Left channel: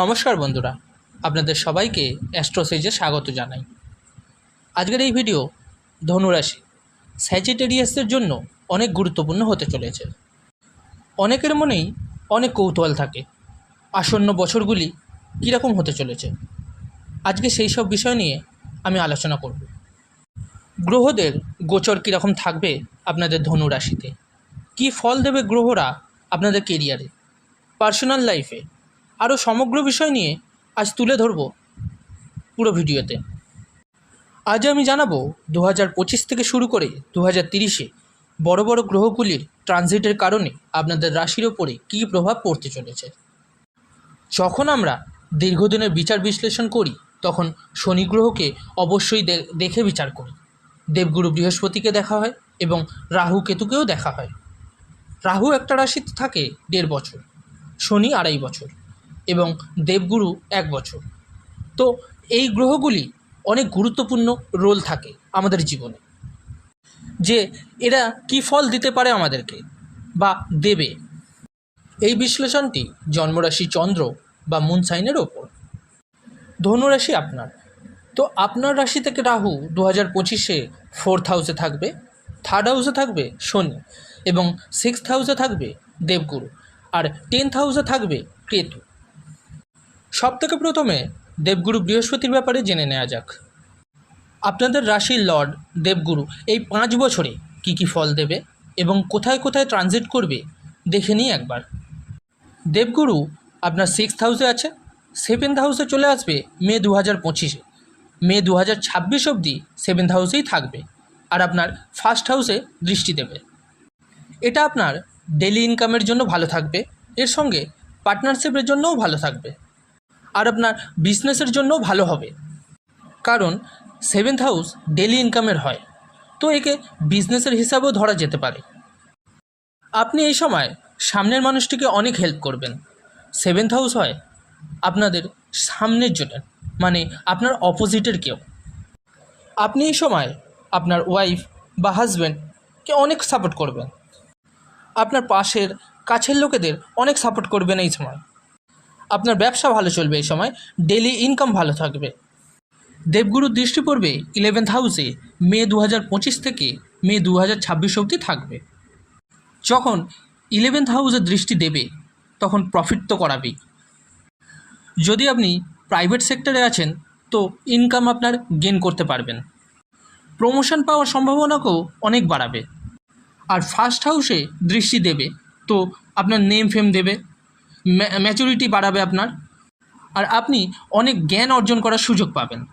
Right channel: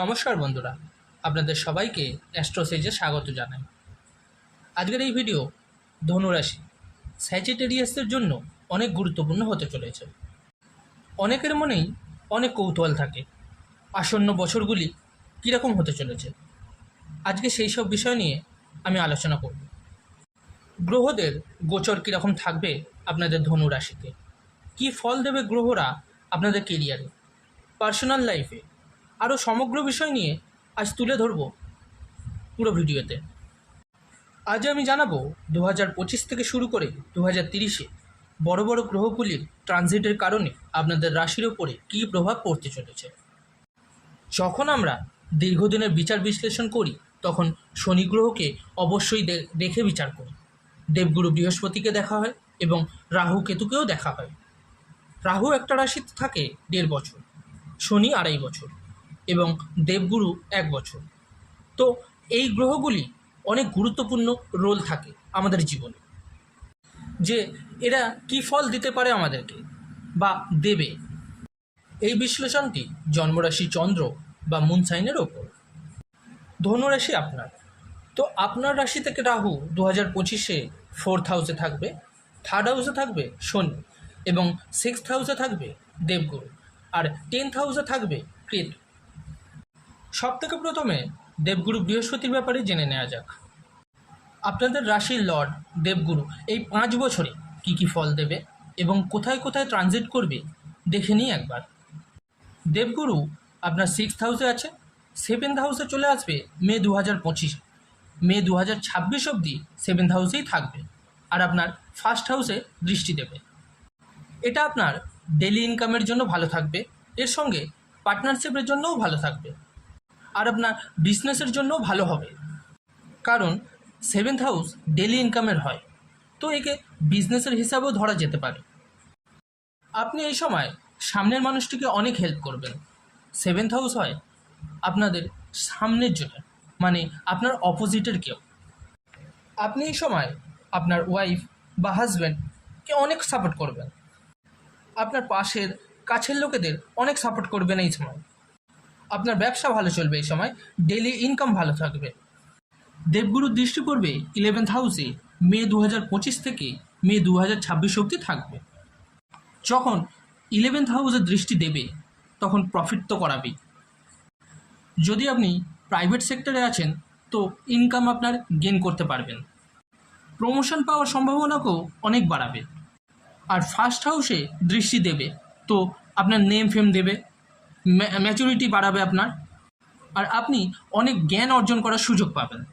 নমস্কার বন্ধুরা, আপনাদের সবাইকে অ্যাস্ট্রোসেজে স্বাগত জানাই। আজকের এই ভিডিও ধনুরাশি, স্যাজিটেরিয়াসদের জন্য অনেক গুরুত্বপূর্ণ হতে চলেছে। অনেকের মনেই অনেক কৌতূহল থাকে, আসন্ন বছরগুলি কীরকম হতে চলেছে। আজকে সেই সব বিষয় নিয়ে আমি আলোচনা করব। গ্রহদের গোচর কীরকম থাকবে আপনাদের ধনু রাশিতে কী ফল দেবে গ্রহরা আপনাদের কেরিয়ারে পার্সোনাল লাইফে আরও সমগ্র বিষয় নিয়ে আজ তুলে ধরব পুরো ভিডিওতে। আজ আমি জানাব দু হাজার পঁচিশ থেকে শুরু করে দু হাজার তিরিশে বড় বড় গ্রহগুলির ট্রানজিটের কারণে আপনাদের রাশির ওপরে কী প্রভাব পড়তে চলেছে। যখন আমরা দীর্ঘদিনের বিচার বিশ্লেষণ করি, তখন শনি গ্রহকে অবশ্যই দেখে বিচার করি। দেবগুরু বৃহস্পতিকে দেখা হয় এবং রাহু কেতুকেও দেখা হয়। রাহু একটা রাশিতে থাকে দেড় বছর, শনি আড়াই বছর। এবং দেবগুরু এক বছর। তো এই গ্রহগুলি অনেক গুরুত্বপূর্ণ রোল থাকে আমাদের জীবনে। যে এরা কী ফল দিতে পারে আমাদেরকে বা দেবে? এই বিশ্লেষণটি জন্মরাশি চন্দ্র বা মুন সাইনের ওপর। ধনুরাশি আপনার। তো আপনার রাশি থেকে রাহু দু হাজার পঁচিশে ফোর্থ হাউসে থাকবে থার্ড হাউসে থাকবে শনি এবং সিক্সথ হাউসে থাকবে দেবগুরু। আর টেন্থ হাউসে থাকবে কেতু। সব থেকে প্রথমে দেবগুরু বৃহস্পতির ব্যাপারে জেনে নেওয়া যাক। আপনাদের রাশির লর্ড, দেবগুরু, এই পাঁচ বছরে কী কী ফল দেবে এবং কোথায় কোথায় ট্রানজিট করবে দেখে নিই একবার। দেবগুরু আপনার সিক্সথ হাউসে আছে, সেভেন্থ হাউসে চলে আসবে মে দু হাজার পঁচিশে। মে দু হাজার ছাব্বিশ অবধি সেভেন্থ হাউসেই থাকবে আর আপনার ফার্স্ট হাউসে দৃষ্টি দেবে। এটা আপনার ডেলি ইনকামের জন্য ভালো থাকবে, এর সঙ্গে পার্টনারশিপের জন্যও ভালো থাকবে। আর আপনার বিজনেসের জন্যও ভালো হবে। কারণ সেভেন্থ হাউস ডেলি ইনকামের হয়, তো একে বিজনেসের হিসাবেও ধরা যেতে পারে। আপনি এই সময় সামনের মানুষটিকে অনেক হেল্প করবেন। সেভেন্থ হাউস হয় আপনাদের সামনের জন্য মানে আপনার অপোজিটের কেউ। আপনি এই সময় আপনার ওয়াইফ বা হাজব্যান্ডকে অনেক সাপোর্ট করবেন। আপনার পাশের কাছের লোকেদের অনেক সাপোর্ট করবেন এই সময়। আপনার ব্যবসা ভালো চলবে এই সময় ডেলি ইনকাম ভালো থাকবে। দেবগুরুর দৃষ্টি পড়বে ইলেভেন্থ হাউসে মে দু হাজার পঁচিশ থেকে মে দু হাজার ছাব্বিশ অবধি থাকবে। যখন ইলেভেন্থ হাউসে দৃষ্টি দেবে, তখন প্রফিট তো করাবেই। যদি আপনি প্রাইভেট সেক্টরে আছেন, তো ইনকাম আপনার গেন করতে পারবেন। প্রমোশন পাওয়ার সম্ভাবনাকেও অনেক বাড়াবে। আর ফার্স্ট হাউসে দৃষ্টি দেবে, তো আপনার নেম ফেম দেবে। ম্যাচুরিটি বাড়াবে আপনার। আর আপনি অনেক জ্ঞান অর্জন করার সুযোগ পাবেন।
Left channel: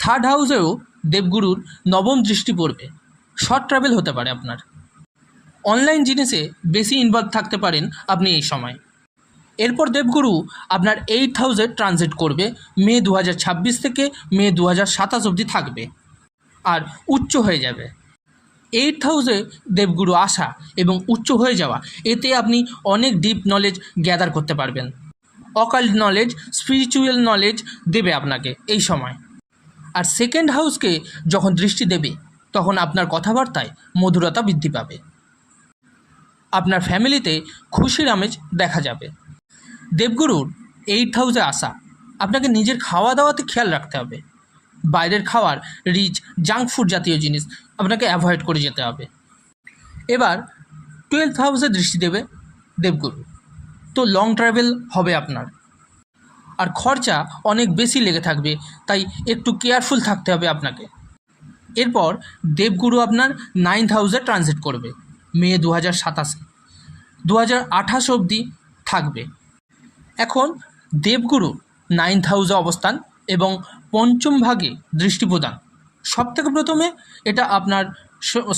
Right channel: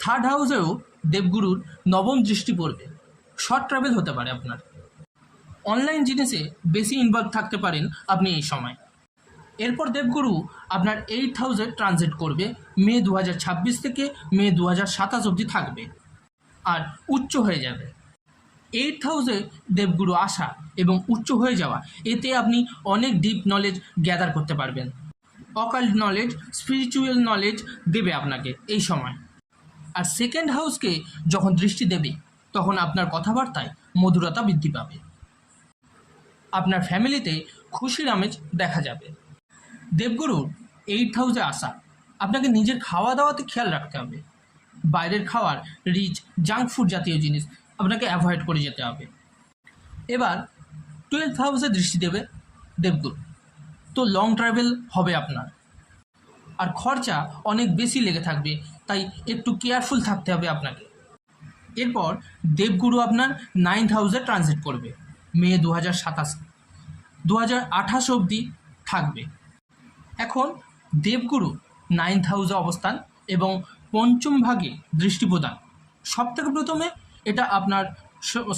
থার্ড হাউসেও দেবগুরুর নবম দৃষ্টি পড়বে। শর্ট ট্রাভেল হতে পারে আপনার। অনলাইন জিনিসে বেশি ইনভলভ থাকতে পারেন আপনি এই সময়। এরপর দেবগুরু আপনার এইট হাউসে ট্রানজিট করবে। মে দু হাজার ছাব্বিশ থেকে মে দু হাজার সাতাশ অবধি থাকবে। আর উচ্চ হয়ে যাবে। এইট হাউসে দেবগুরু আসা এবং উচ্চ হয়ে যাওয়া। এতে আপনি অনেক ডিপ নলেজ গ্যাদার করতে পারবেন। অকাল নলেজ স্পিরিচুয়াল নলেজ দেবে আপনাকে এই সময়। আর সেকেন্ড হাউসকে যখন দৃষ্টি দেবে, তখন আপনার কথাবার্তায় মধুরতা বৃদ্ধি পাবে। আপনার ফ্যামিলিতে খুশির আমেজ দেখা যাবে। দেবগুরুর এইট হাউসে আসা, আপনাকে নিজের খাওয়া দাওয়াতে খেয়াল রাখতে হবে। বাইরের খাওয়ার রিচ জাঙ্ক ফুড জাতীয় জিনিস আপনাকে অ্যাভয়েড করে যেতে হবে। এবার টুয়েলভ হাউসে দৃষ্টি দেবে দেবগুরু। তো লং ট্রাভেল হবে আপনার। আর খরচা অনেক বেশি লেগে থাকবে, তাই একটু কেয়ারফুল থাকতে হবে আপনাকে। এরপর দেবগুরু আপনার নাইন্থ হাউসে ট্রানজিট করবে, মে দু হাজার সাতাশে। দু হাজার আঠাশ অবধি থাকবে। এখন দেবগুরু নাইন্থ হাউসে অবস্থান এবং পঞ্চম ভাগে দৃষ্টি প্রদান সব থেকে প্রথমে এটা আপনার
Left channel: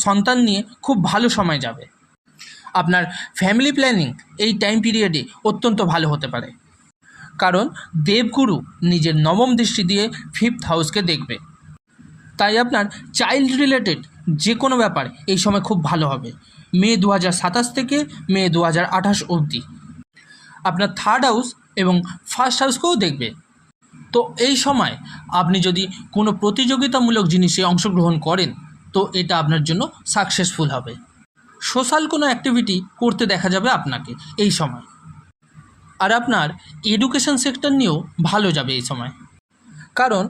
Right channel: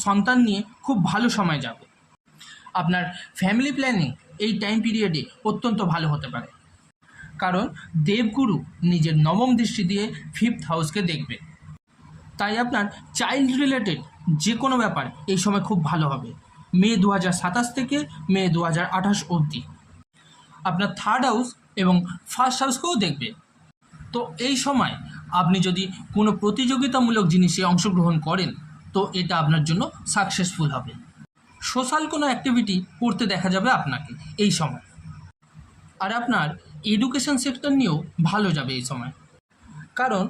সন্তান নিয়ে খুব ভালো সময় যাবে। আপনার ফ্যামিলি প্ল্যানিং এই টাইম পিরিয়ডে অত্যন্ত ভালো হতে পারে। কারণ দেবগুরু নিজের নবম দৃষ্টি দিয়ে ফিফথ হাউসকে দেখবে। তাই আপনার চাইল্ড রিলেটেড যে কোনো ব্যাপার এই সময় খুব ভালো হবে। মে দু সাতাশ থেকে মে দু আঠাশ অবধি। আপনার থার্ড হাউস এবং ফার্স্ট হাউসকেও দেখবে। তো এই সময় আপনি যদি কোনো প্রতিযোগিতামূলক জিনিসে অংশগ্রহণ করেন, তো এটা আপনার জন্য সাকসেসফুল হবে। সোশ্যাল কোনো অ্যাক্টিভিটি করতে দেখা যাবে আপনাকে এই সময়। আর আপনার এডুকেশন সেক্টর নিয়েও ভালো যাবে এই সময়। কারণ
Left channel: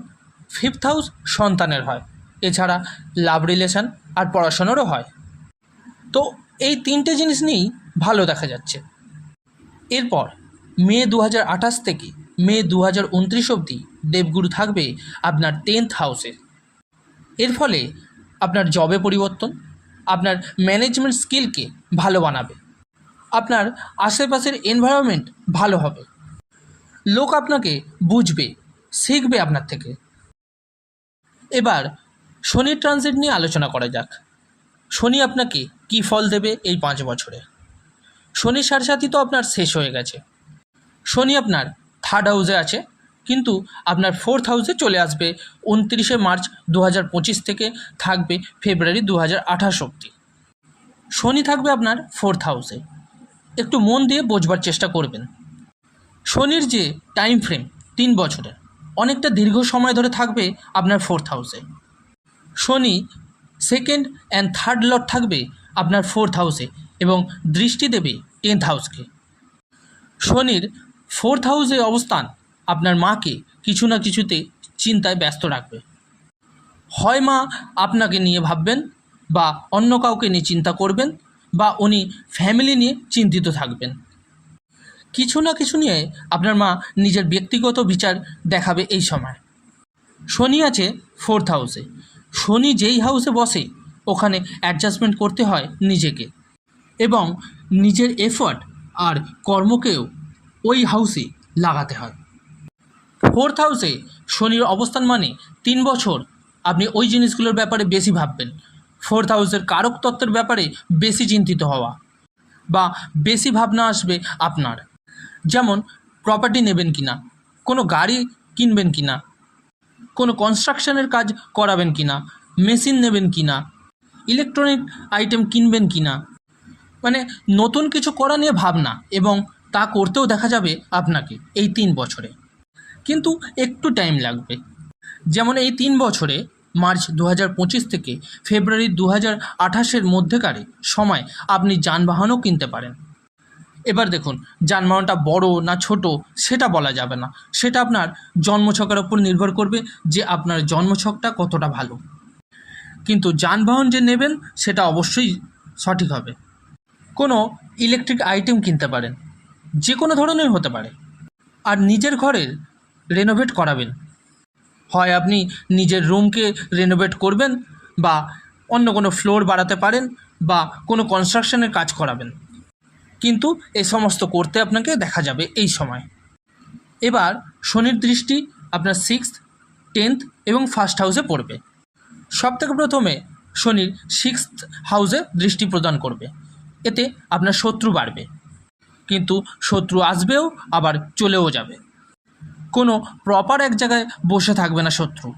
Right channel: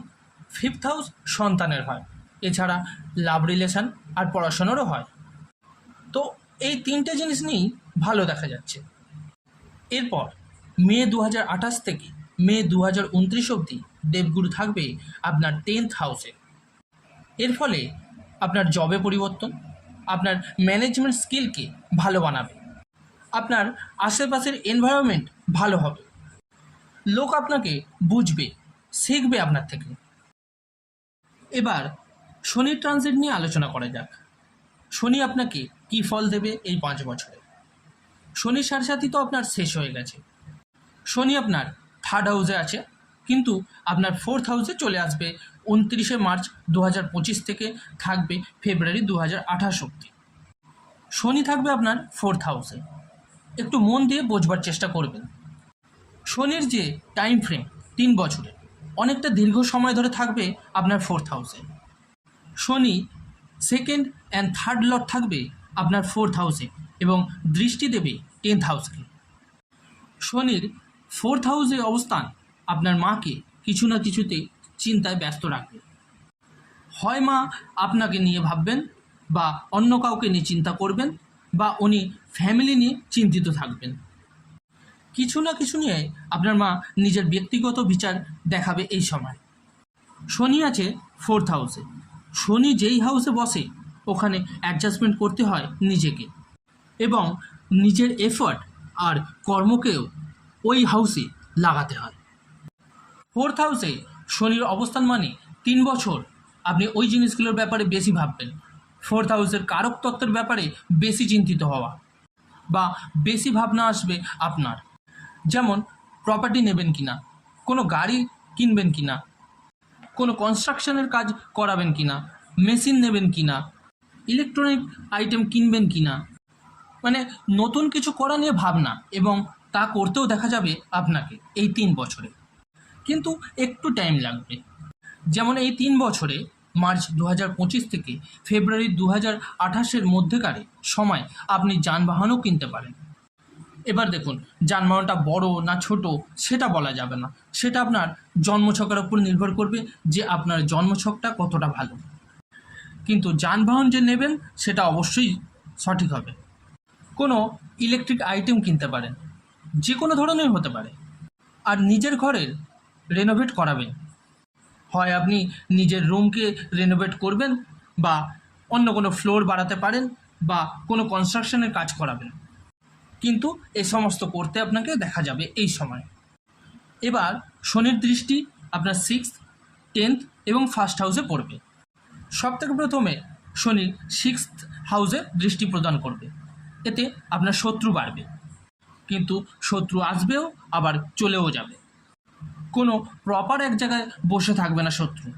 ফিফথ হাউস সন্তানের হয়, এছাড়া লাভ রিলেশন আর পড়াশোনারও হয়। তো এই তিনটে জিনিস নিয়েই ভালো দেখা যাচ্ছে। এরপর মে দু হাজার আঠাশ থেকে মে দু হাজার উনত্রিশ অবধি দেবগুরু থাকবে আপনার টেন্থ হাউসে এর ফলে আপনার জবে পরিবর্তন, আপনার ম্যানেজমেন্ট স্কিলকে ভালো বানাবে, আপনার আশেপাশের এনভায়রনমেন্ট ভালো হবে। লোক আপনাকে বুঝবে, শিখবে আপনার থেকে। এবার শনির ট্রানজিট নিয়ে আলোচনা করা যাক। শনি আপনাকে কী ফল দেবে এই পাঁচ বছরে? শনি সারসাথী তো আপনার শেষ হয়ে গেছে। শনি আপনার থার্ড হাউসে আছে, কিন্তু আপনার ফোর্থ হাউসে চলে আসবে উনত্রিশে মার্চ দু হাজার পঁচিশ থেকে থাকবে ফেব্রুয়ারি দু অব্দি শনি থাকবে আপনার ফোর্থ হাউসে একটু মন দিয়ে বোঝবার চেষ্টা করবেন। শনির যে টাইম ফ্রেম তিন বছরের, অনেকটা দীর্ঘ সময় ধরে থাকবে আপনার ফোর্থ হাউসে শনি সেকেন্ড অ্যান্ড থার্ড লট থাকবে আপনার ফোর্থ হাউসে এবং দৃষ্টি দেবে টেন্থ হাউসকে শনির ফোর্থ হাউসে অবস্থান আপনার মাকে কিছু না কিছুতে চিন্তায় ব্যস্ত রাখবে। হয় মা আপনাকে নিয়ে ভাববেন বা অন্য কাউকে নিয়ে চিন্তা করবেন বা উনি ফ্যামিলি নিয়ে চিন্তিত থাকবেন। কিছু না কিছু নিয়ে আপনার মা নিজের ব্যক্তিগত বিচার দেখাবে এই সময়। শনি আছে ফোর্থ হাউসে। শনি যেই হাউসে বসে, ওখানে অ্যাডজাস্টমেন্ট করতে হয় নিজেকে। এবং নিজের এফর্ট আর কর্মকেও ওই হাউসে লাগাতে হয়। ফোর্থ হাউসে শনির অবস্থান মানে তিন বছর আপনি ওই জিনিসগুলোর ব্যাপারে বেশি ভাববেন। ফোর্থ হাউসের কারক তত্ত্বের ব্যাপারে বেশি চিন্তিত হওয়া বা বেশি ভাবনা আসবে আপনার। যেমন প্রপার্টি নেবেন কি না কোনো গাড়ি কিনবেন কি না কোনো কনস্ট্রাকশনের কাজ করাবেন কি না মেশিন নেবেন কি না ইলেকট্রনিক আইটেম কিনবেন কি না মানে নতুন কিছু করা নিয়ে ভাবনা এবং তা করতেও দেখা যাবে আপনাকে এই তিন বছরে। কিন্তু একটু টাইম লাগবে। যেমন এই তিন বছরে মার্চ দু হাজার পঁচিশ থেকে ফেব্রুয়ারি দু হাজার আঠাশের মধ্যেকারে সময় আপনি যানবাহনও কিনতে পারেন। এবার দেখুন, যানবাহনটা বড় না ছোট, সেটা বলা যাবে না। সেটা আপনার জন্মছকের ওপর নির্ভর করবে যে আপনার জন্মছকটা কতটা ভালো। কিন্তু যানবাহন যে নেবেন, সেটা অবশ্যই সঠিক হবে। কোনো ইলেকট্রিক আইটেম কিনতে পারেন। যে কোনো ধরনের হতে পারে। আর নিজের ঘরের রেনোভেট করাবেন। হয় আপনি নিজের রুমকে রেনোভেট করবেন বা অন্য কোনো ফ্লোর বাড়াতে পারেন বা কোনো কনস্ট্রাকশনের কাজ করাবেন। কিন্তু এই সমস্ত করতে আপনাকে দেখা যাবে এই সময়। এবার শনির দৃষ্টি আপনার সিক্সথ টেন্থ এবং ফার্স্ট হাউসে পড়বে। সব থেকে প্রথমে শনির সিক্সথ হাউসে দৃষ্টি প্রদান করবে। এতে আপনার শত্রু বাড়বে। কিন্তু শত্রু আসবেও, আবার চলেও যাবে। কোনো প্রপার এক জায়গায় বসে থাকবে না শত্রু।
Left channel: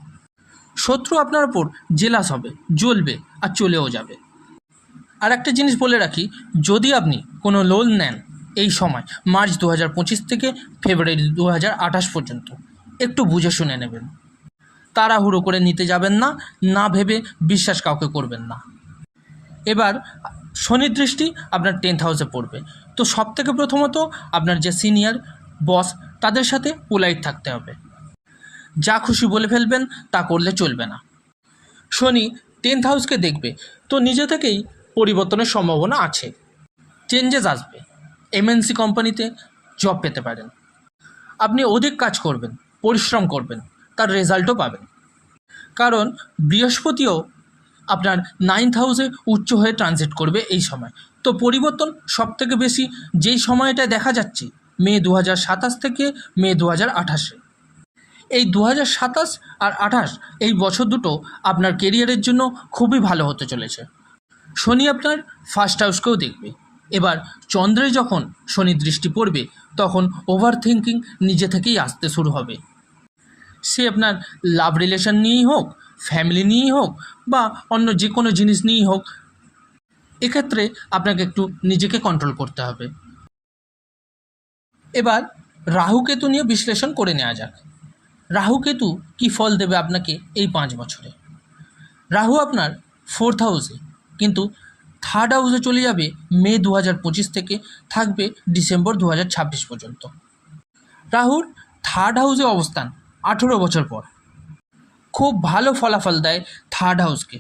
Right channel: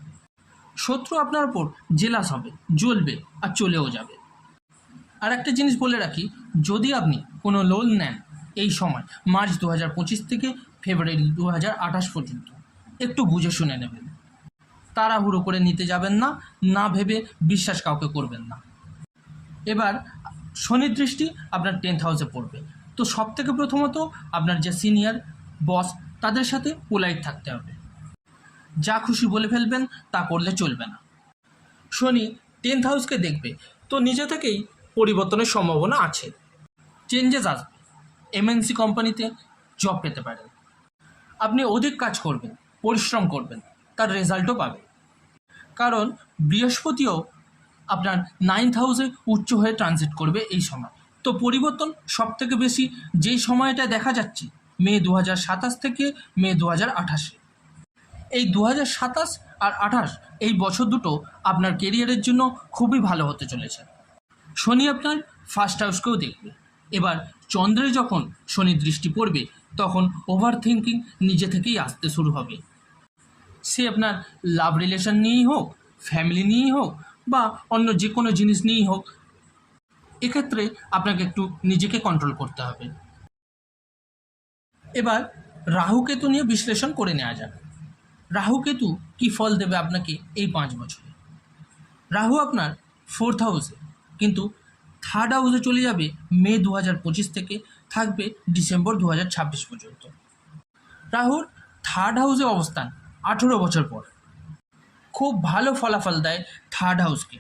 শত্রু আপনার ওপর জেলাস হবে, জ্বলবে, আর চলেও যাবে। আর একটা জিনিস বলে রাখি, যদি আপনি কোনো লোন নেন এই সময়, মার্চ দু হাজার পঁচিশ থেকে ফেব্রুয়ারি দু হাজার আঠাশ পর্যন্ত, একটু বুঝে শুনে নেবেন। তাড়াহুড়ো করে নিতে যাবেন না না ভেবে বিশ্বাস কাউকে করবেন না। এবার শনির দৃষ্টি আপনার টেন্থ হাউসে পড়বে। তো সব থেকে প্রথমত আপনার যে সিনিয়র, বস, তাদের সাথে পোলাইট থাকতে হবে। যা খুশি বলে ফেলবেন, তা করলে চলবে না। শনি টেন্থ হাউসকে দেখবে, তো নিজে থেকেই পরিবর্তনের সম্ভাবনা আছে। চেঞ্জেস আসবে। এমএনসি কোম্পানিতে জব পেতে পারেন। আপনি অধিক কাজ করবেন, পরিশ্রম করবেন, তার রেজাল্টও পাবেন। কারণ বৃহস্পতিও আপনার নাইন্থ হাউসে উচ্চ হয়ে ট্রানজিট করবে এই সময়। তো পরিবর্তন সব থেকে বেশি যেই সময়টায় দেখা যাচ্ছে, মে দু সাতাশ থেকে মে দু আঠাশে। এই দু সাতাশ আর আঠাশ এই বছর দুটো আপনার কেরিয়ারের জন্য খুবই ভালো হতে চলেছে। শনি আপনার ফার্স্ট হাউসকেও দেখবে। এবার চন্দ্রে যখন শনি দৃষ্টি পড়বে, তখন ওভার থিঙ্কিং নিজে থেকেই আসতে শুরু হবে। সে আপনার লাভ রিলেশন নিয়েই হোক ফ্যামিলি নিয়েই হোক বা অন্য যে কোনো জিনিস নিয়েই হোক এক্ষেত্রে আপনাকে একটু নিজেকে কন্ট্রোল করতে হবে। এবার রাহুকেতু নিয়ে বিশ্লেষণ করে নেওয়া যাক। রাহুকেতু কী ফল দেবে আপনাকে এই পাঁচ বছরে? রাহু আপনার ফোর্থ হাউসে কিন্তু থার্ড হাউসে চলে যাবে মে দু হাজার পঁচিশ থেকে, থাকবে ডিসেম্বর দু হাজার ছাব্বিশ পর্যন্ত। রাহুর থার্ড হাউসে অবস্থান আঠেরো বছর পর। খুব ভালো ফলাফল দেয় থার্ড হাউসকে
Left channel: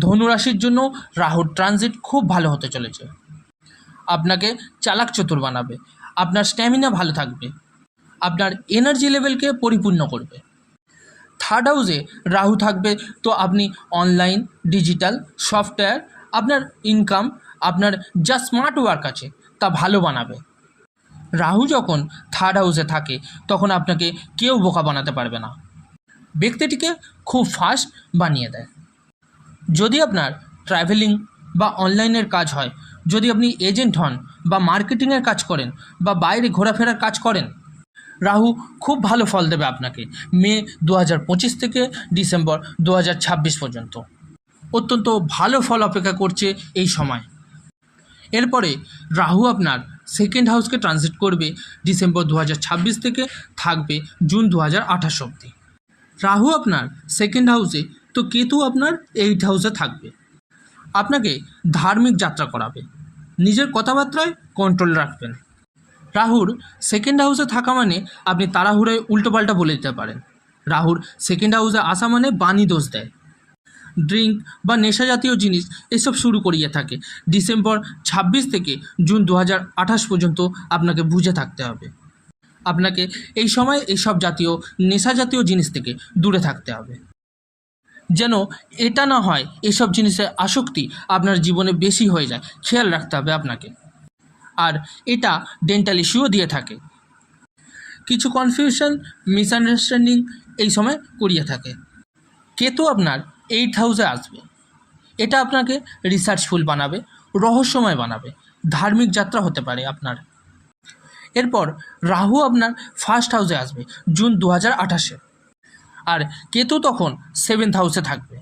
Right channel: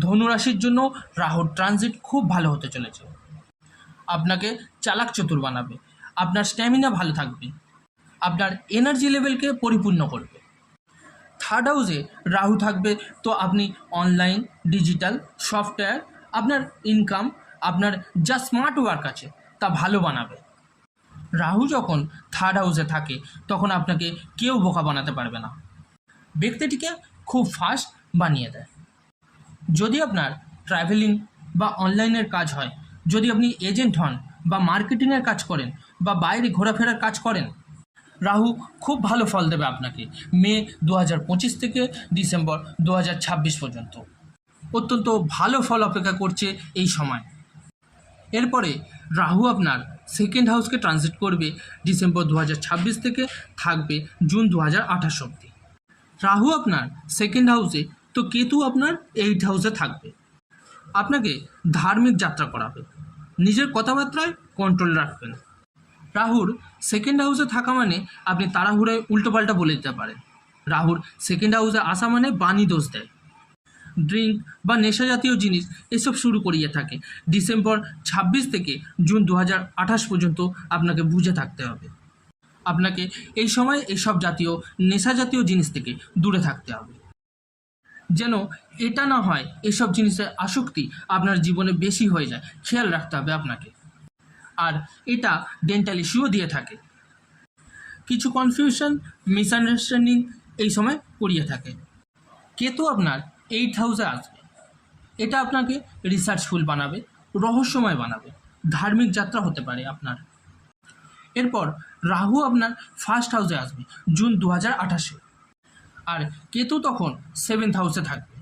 ধনুরাশির জন্য রাহুর ট্রানজিট খুব ভালো হতে চলেছে। আপনাকে চালাক চতুর বানাবে, আপনার স্ট্যামিনা ভালো থাকবে, আপনার এনার্জি লেভেলকে পরিপূর্ণ করবে। থার্ড হাউসে রাহু থাকবে, তো আপনি অনলাইন ডিজিটাল সফটওয়্যার আপনার ইনকাম আপনার যা স্মার্ট ওয়ার্ক আছে, তা ভালো বানাবে। রাহু যখন থার্ড হাউসে থাকে, তখন আপনাকে কেউ বোকা বানাতে পারবে না। ব্যক্তিটিকে খুব ফাস্ট বানিয়ে দেয়। যদি আপনার ট্রাভেলিং বা অনলাইনের কাজ হয়, যদি আপনি এজেন্ট হন বা মার্কেটিংয়ের কাজ করেন বা বাইরে ঘোরাফেরার কাজ করেন, রাহু খুব ভালো ফল দেবে আপনাকে মে দু হাজার পঁচিশ থেকে ডিসেম্বর দু হাজার ছাব্বিশ পর্যন্ত। অত্যন্ত ভালো ফল অপেক্ষা করছে এই সময়। এরপরে রাহু আপনার সেকেন্ড হাউসকে ট্রানজিট করবে ডিসেম্বর দু হাজার ছাব্বিশ থেকে থাকবে জুন দু অব্দি রাহু আপনার সেকেন্ড হাউসে তো কেতু আপনার এইট হাউসে থাকবে। আপনাকে ধার্মিক যাত্রা করাবে। নিজের কথাবার্তায় কন্ট্রোল রাখবেন। রাহুর সেকেন্ড হাউসে থাকা মানে আপনি তাড়াহুড়োয় উল্টোপাল্টা বলে দিতে পারেন। রাহুর সেকেন্ড হাউসে আসা মানে বাণী দোষ দেয়। ড্রিঙ্ক বা নেশা জাতীয় জিনিস এসব শুরু করিয়ে থাকে। ডিসেম্বর ছাব্বিশ থেকে জুন দু হাজার আঠাশ পর্যন্ত আপনাকে বুঝে থাকতে হবে। আপনাকে এই সময় এইসব জাতীয়, নেশা জাতীয় জিনিস থেকে দূরে থাকতে হবে। যেন এটা না হয় এসব জিনিসের আসক্তি আপনার জীবনে বেশি হয়ে যায়। খেয়াল রাখতে হবে আপনাকে। আর এটা ডেন্টাল ইস্যুও দিয়ে থাকে। কিছু কনফিউশন মিসআন্ডারস্ট্যান্ডিং এই সময় করিয়ে থাকে। কেতু আপনার এইট হাউসে আসবে? এটা আপনাকে রিসার্চফুল বানাবে, রহস্যময় বানাবে, ধার্মিক যাত্রা হতে পারে আপনার। এরপর রাহু আপনার ফার্স্ট হাউসে আসবে, জুন দু হাজার আঠাশে। আর কেতু তখন সেভেন্থ হাউসে থাকবে।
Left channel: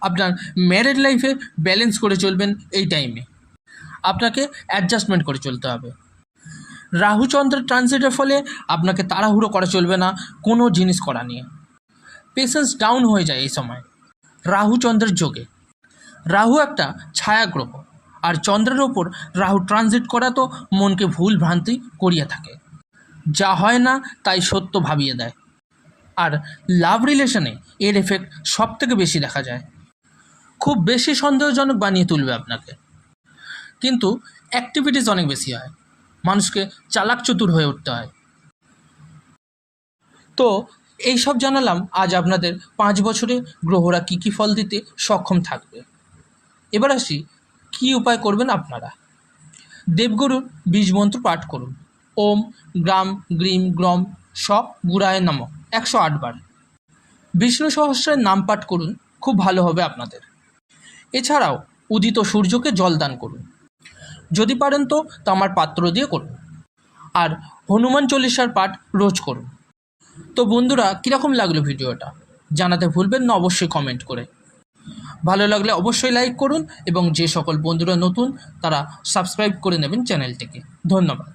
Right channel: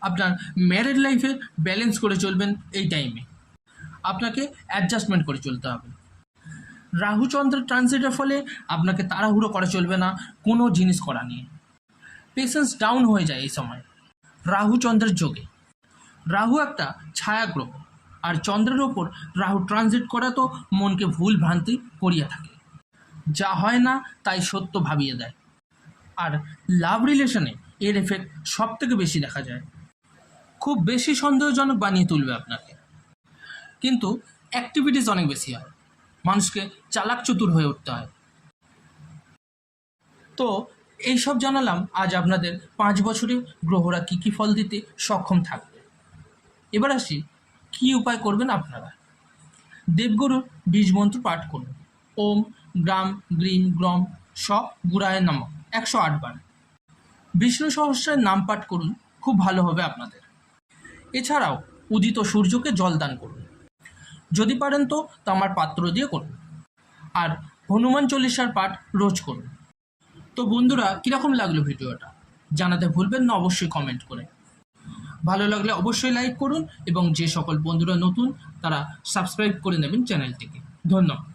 আপনার ম্যারেড লাইফে ব্যালেন্স করে চলবেন এই টাইমে আপনাকে অ্যাডজাস্টমেন্ট করে চলতে হবে। রাহু চন্দ্রের ট্রানজিটের ফলে আপনাকে তাড়াহুড়ো করা চলবে না, কোনো জিনিস করা নিয়ে। পেশেন্স ডাউন হয়ে যায় এই সময় রাহু চন্দ্রের যোগে। রাহু একটা ছায়া গ্রহ আর চন্দ্রের ওপর রাহু ট্রানজিট করা তো মনকে ভুল ভ্রান্তি করিয়ে থাকে। যা হয় না, তাই সত্য ভাবিয়ে দেয়। আর লাভ রিলেশনে এর এফেক্ট সব থেকে বেশি দেখা যায়। খুব বেশি সন্দেহজনক বানিয়ে তুলবে আপনাকে। কিন্তু অ্যাক্টিভিটিস অনেক বেশি হয়। মানুষকে চালাক চতুর হয়ে উঠতে হয়। তো এই সব জানালাম, আজ আপনাদের পাঁচ বছরে গ্রহরা কী কী ফল দিতে সক্ষম থাকবে? এবার আসি, কী উপায় করবেন আপনারা? দেবগুরুর বীজ মন্ত্র পাঠ করুন। ওম, গ্রাম, গ্রিম, গ্রম, সব গুড়ায় নামক একশো আটবার বিষ্ণু সহস্রের নাম পাঠ করুন, খুব ভালো হবে আপনাদের। এছাড়াও উদিত সূর্যকে জল দান করুন। যদি পারেন তো তামার পাত্র দিয়ে করুন। আর হনুমান চল্লিশার পাঠ রোজ করুন। তো বন্ধুরা, কীরকম লাগল ভিডিওটা? জানাতে ভুলবেন না, অবশ্যই কমেন্ট করে। ভালো লাগলে অবশ্যই লাইক করুন এবং যে সকল বন্ধুরা নতুন, তারা সাবস্ক্রাইব করে নেবেন চ্যানেলটিকে। ধন্যবাদ।